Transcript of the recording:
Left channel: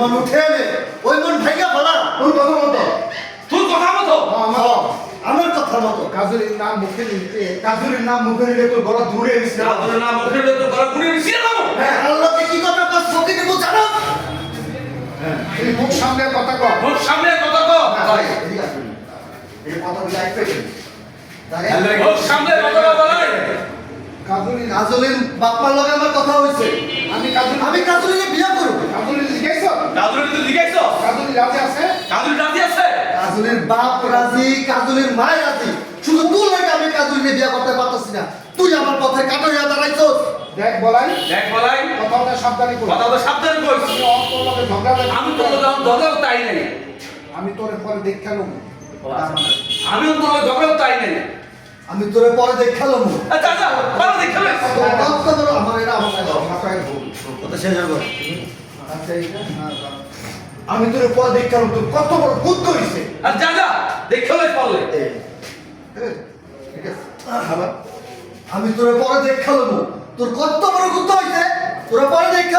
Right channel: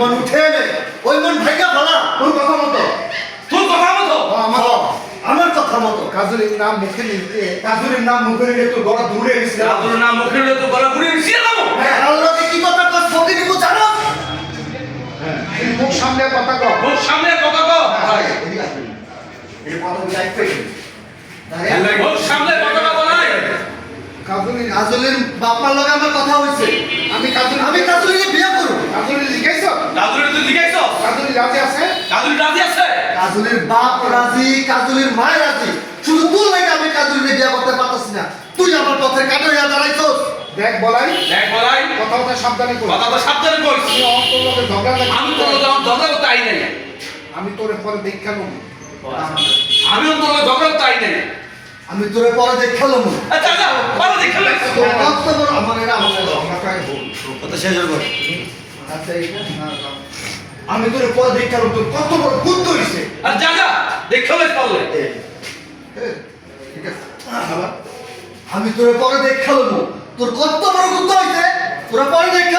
মন উঠে নে, ওই মন ভাইগা ফেলা। তোর কথা মতো, তোর কথা মতো আমার কথা মতো। কাজলের নাম মুখে নিতে, কাজলের নাম মুখে নিলে তো গলা দূরে গেছিল। তোর নাম মুখে নিয়ে তো গলা ঘুরিয়ে নিয়ে যাবো। হ্যাঁ, আল্লাহকে কি কথা কর, ফকির নিবো জানো? এই মুখ সামনে কথা কর। মুখ সামনে কথা কও। ভাই, এদিকে আসুন। এই কথা বলে এক পেয়ে দাঁড়িয়ে। মুখ সামনে কথা বলাই। কাজলের বাপ্পার লগে আমার কথা হয়েছে। আমি কাজলের বিয়ে করব। কাজলের জিজ্ঞাসা, কাজুরি তুই জিজ্ঞাসা কাজলের রাজি আছে? কাজুরি রাজি আছে? কাজলের বাপ রাজি, কাজলের মায়ের রাজি। শুধু তোর লাগে আমি কাজলের বিয়ে করতে পারতেছি না। তুই আমার পথে কাটো হইয়া দাঁড়াইছস। দেখ বলাই, দেখ বলাই, কথাটা সাবধানে কর। কথা তো সাবধানে কইস। তোর মধ্যে ঝগড়া লাগে। আমি তোর যখন দরকার তাই নাই। আমি তোর পরে দেখা নেব। আমিও তোর দরকার তাই নাই। আমি তোরে পরে দেখালাম। আচ্ছা আচ্ছা, ভালো দেখে লইস। কত বড় আমার এটা আমার মাথায় ভুল। কথা শেষ হবে। আচ্ছা এইটা আমি তোরে পরে দেখালাম, তোর কত বড় বুদ্ধ হইছে। আর যা যা দেখে লইস পারলে। ঠিক আছে। আমি তোরে পরে দেখালাম, তোর কত বড় বুদ্ধ হইছে। তোরা পরে দেখা